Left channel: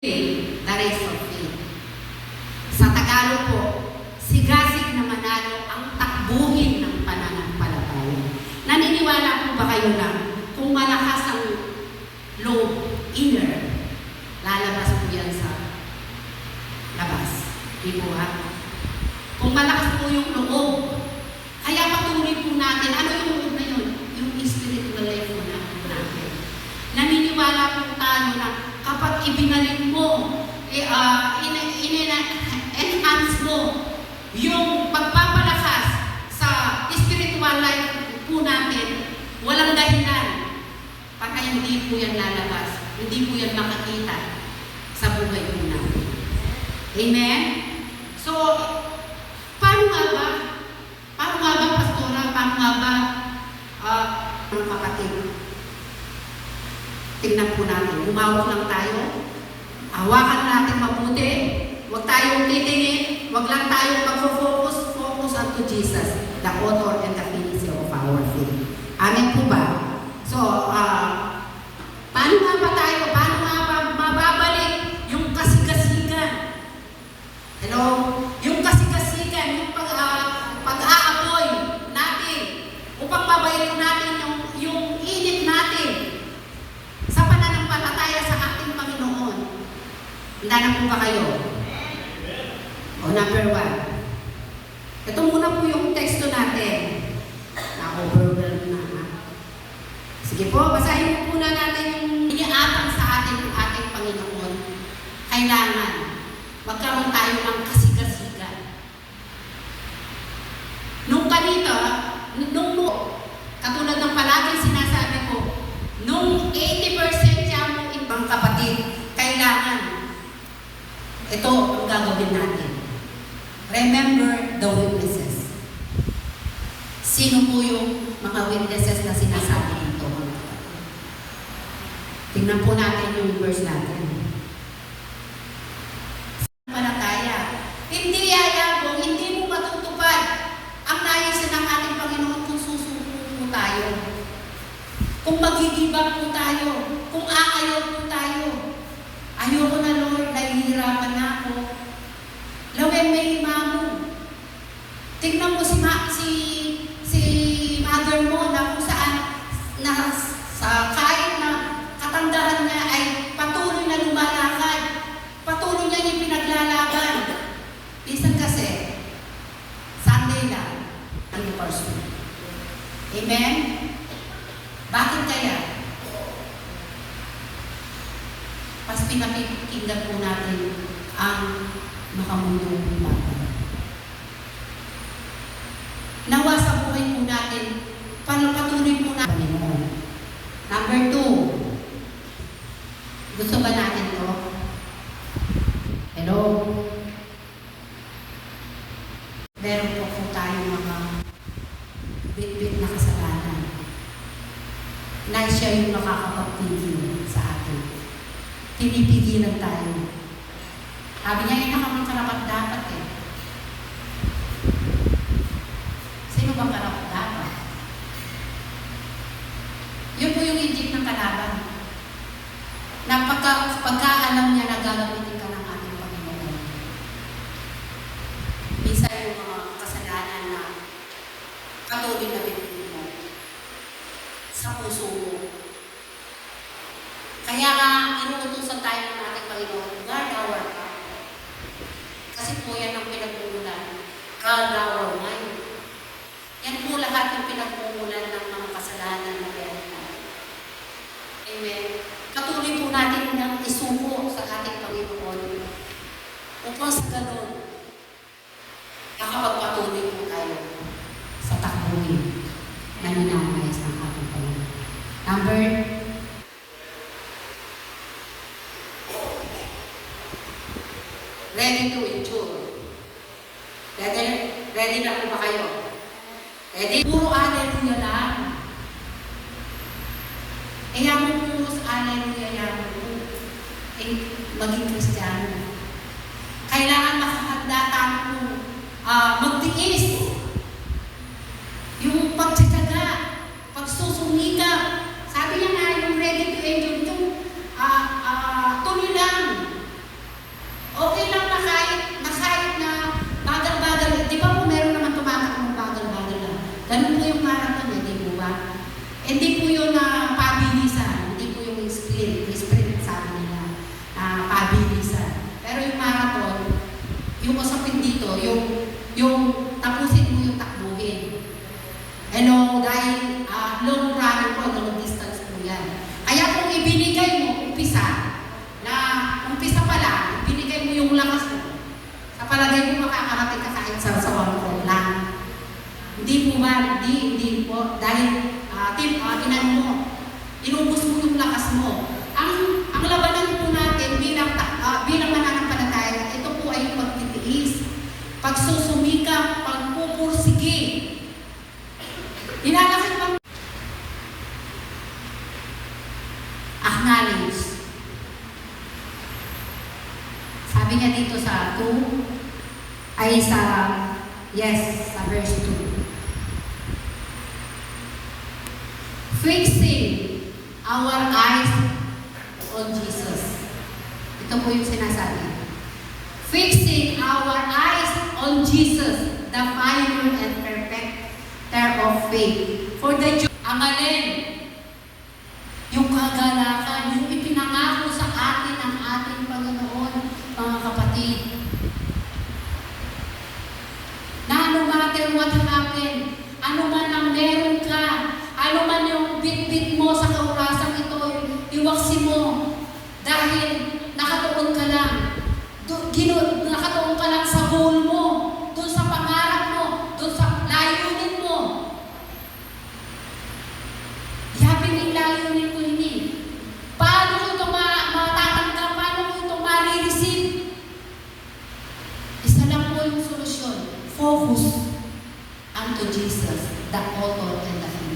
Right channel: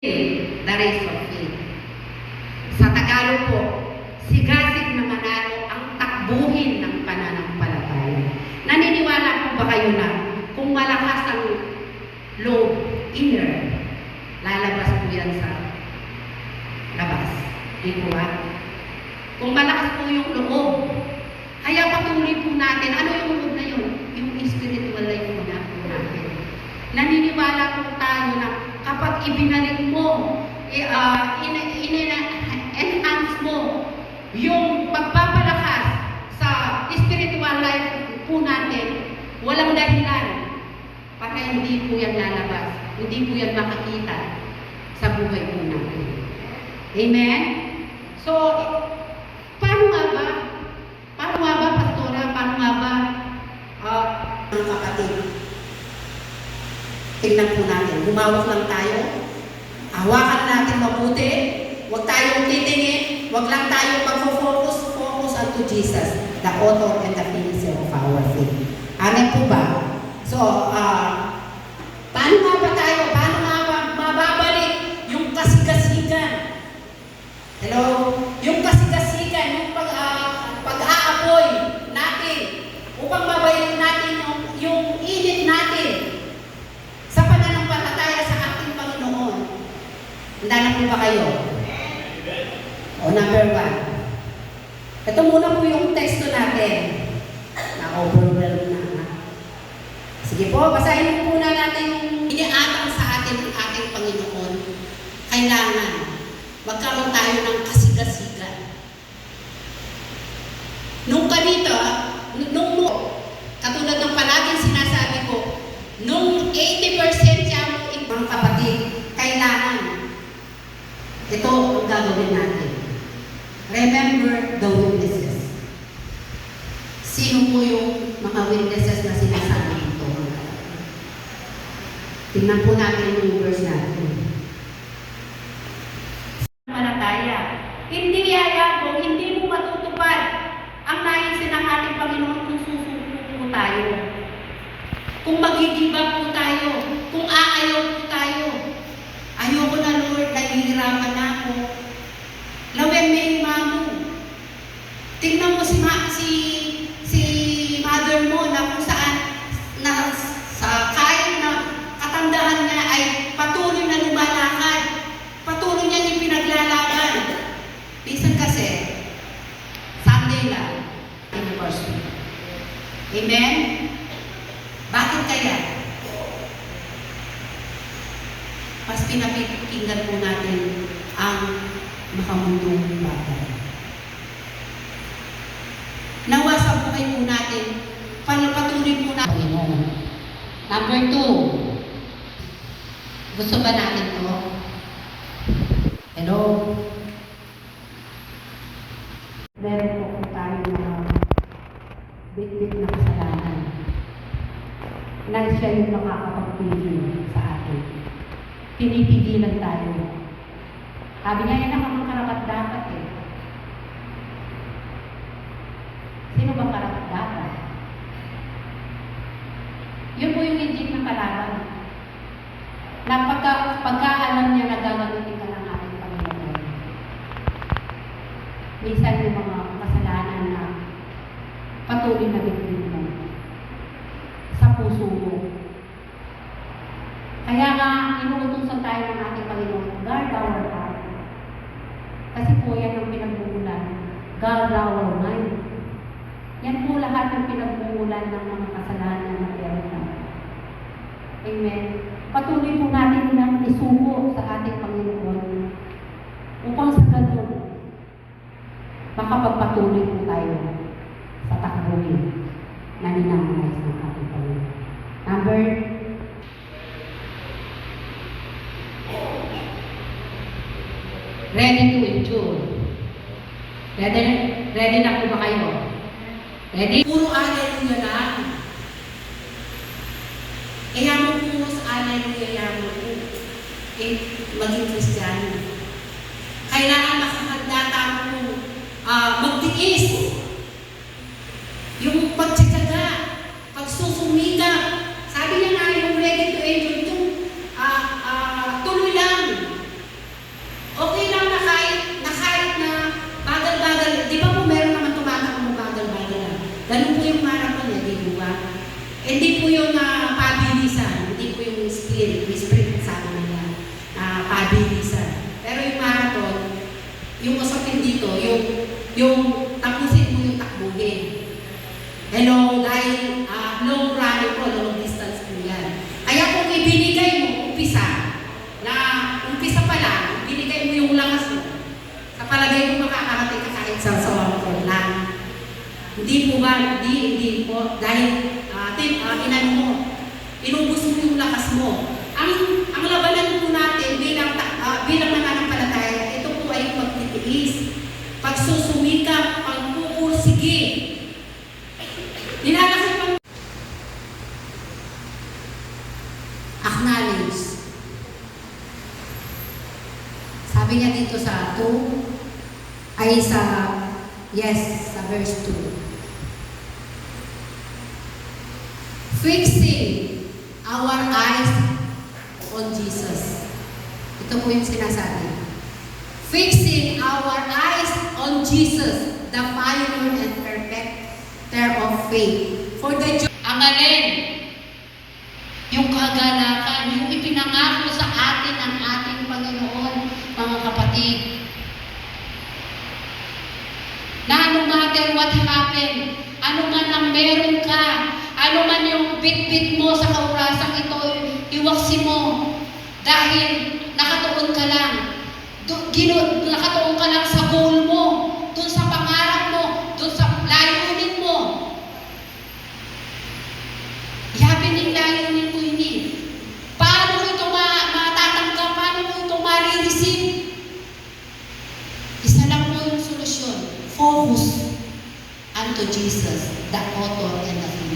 The race of faith. Sa Tagalog po, sigasig na manalo ang takbuhin ng pananampalataya. Naniniwala po ba kayo na kung malakas ang loob, inner, lalabas po yan sa labas? Di po ba? Kung malakas po yung loob, kaya patuloy po natin, ano yung loob na yun? Yung spiritual life mo na po natin. Naniniwala po tayo na kapag ibinalik mo, enhance mo yung pagpapalakas sa spiritual life po natin, walang dahilan para hindi po yan lalabas, hindi po yan makikita sa buhay po natin. Amen? So, paano nga ba, Pastora? Paano nga ba, mga kapatid? Tingnan po natin. Humawak lang tayo. Hawakan natin mabuti. Huwag tayong titingin. Huwag lang tayong mag-focus onto Jesus, the author and the finisher of our faith. Amen po ba? So, paano nga ba tayo? Paano nga ba mababalik yung kasigasigan? Hello? Yung kasigasigan, yung pag-aapoy natin upang mabalik natin yung init natin sa pananampalataya sa ating Panginoon. Handa na po ba kayo? O, number 1. Ito muna po yung teksto natin. Na-overwhelmed na. Sige po, basahin po na natin yung iniatang sa ating Panginoon. Kailangan magkaroon tayo ng kasigasigan. Nung katulad ng palaging sinasabi ko, nung 80% siya mo ibang kapatid, kailangan ito ang gagawin natin. Remember the witnesses. Sino po yung mga witnesses na sinasabi ito? Tingnan po natin yung verse natin. Manataya. Hindi yayabong, hindi mo matutupad ang naisin ng ating Panginoon kung susuko po tayo. Kung magigibag po tayo. Kung aayaw po tayo. Ayoko na, Lord, nahihirapan na ako. Lawin may mamo. Tingnan mo si mother mo na kung saan sa kahit na katandahan niya ay patuloy na lumalakad. Patuloy niya yung pinaglalaban. Minsan kasi, Sunday lang, anniversary. Amen? Bakit kaya? Mas pinapikinggan po natin ang makamundong bagay. Nawa sa buhay po natin, patuloy po natin Panginoon. Number 2. Gusto ba natin ito? Hello? Meron po tayo mga bit-bit na kasalanan na siya yung nakakapagpigil sa atin. Pinipigilan tayo. Sabi niya, yun nakamang-karapat-dapat eh. Sino ba karapat-dapat? Yun po yung legit ng kalaban. Na pagka-alam niya na gagamitin ka ng ating Panginoon. Minsan yung mga kasalanan na patuloy na bitin mo sa puso mo. Kaya nga, inuutusan tayo ng ating Panginoon, guard our heart. Kasi po yan ang pinagmumulan. Guard our mind. Yan po lahat ng pinagmumulan ng mga kasalanan na meron natin. Amen. Patuloy po natin ng isuko sa ating Panginoon upang sa ganun, makapagpatuloy po tayo sa takbuhin na ninanais ng ating Panginoon. Number 2. Ready to endure. Ready na po ba kayo? Ready? Puro hallelujah lang. Kaya mo puro hallelujah lang po. Maging Kristiyano. Kailangan makakanda tayo po magtiis. Yung pagtsatsaga, pagsusumika. Sabi niya na yung ready to endure, yung tuloy lang. mabilisan. Pero yung marathon, yung usapin dito, yung tapusin mo yung takbuhin. Hello, dahil long run po, long distance po yan. Kaya kung ibinigay mo, umpisa pa lang, ibinigay mo yung lakas mo, sa palagay mo makakarating ka kahit sa 1 call lang. Hindi po ba? Hindi po. Dahil, inan mo, inubos mo yung lakas mo. Ang labanan po natin bilang mananampalataya, ito po ay pagtitiis, pagsusumikap, pagpupursige. Nilalaki pang acknowledge. Sabi niya dito sa 2, ay sa verse 2. Fixing our eyes on Jesus. Ito po yung sinasabi. Fixing our eyes on Jesus, the final and perfecter of faith. For the ang alin, yung kagalakan, yung ipinangako sa atin ng ating Panginoon, mga kapatid. Na no matter what happened, ano man ang meron ka, ano man yung bit-bit mo sa kaurasang ito, iwaksin mo. Dahil nakatuon ka lang. Nakatuon ka lang sa goal mo, dun sa pangarap mo, dun sa layunin mo. Yabi ng layunin ko ini. Paano ko ito matatanggap? Paano ko ito ma-receive? Isa lang po yung solusyon. Focus unto Jesus, the author and the finisher.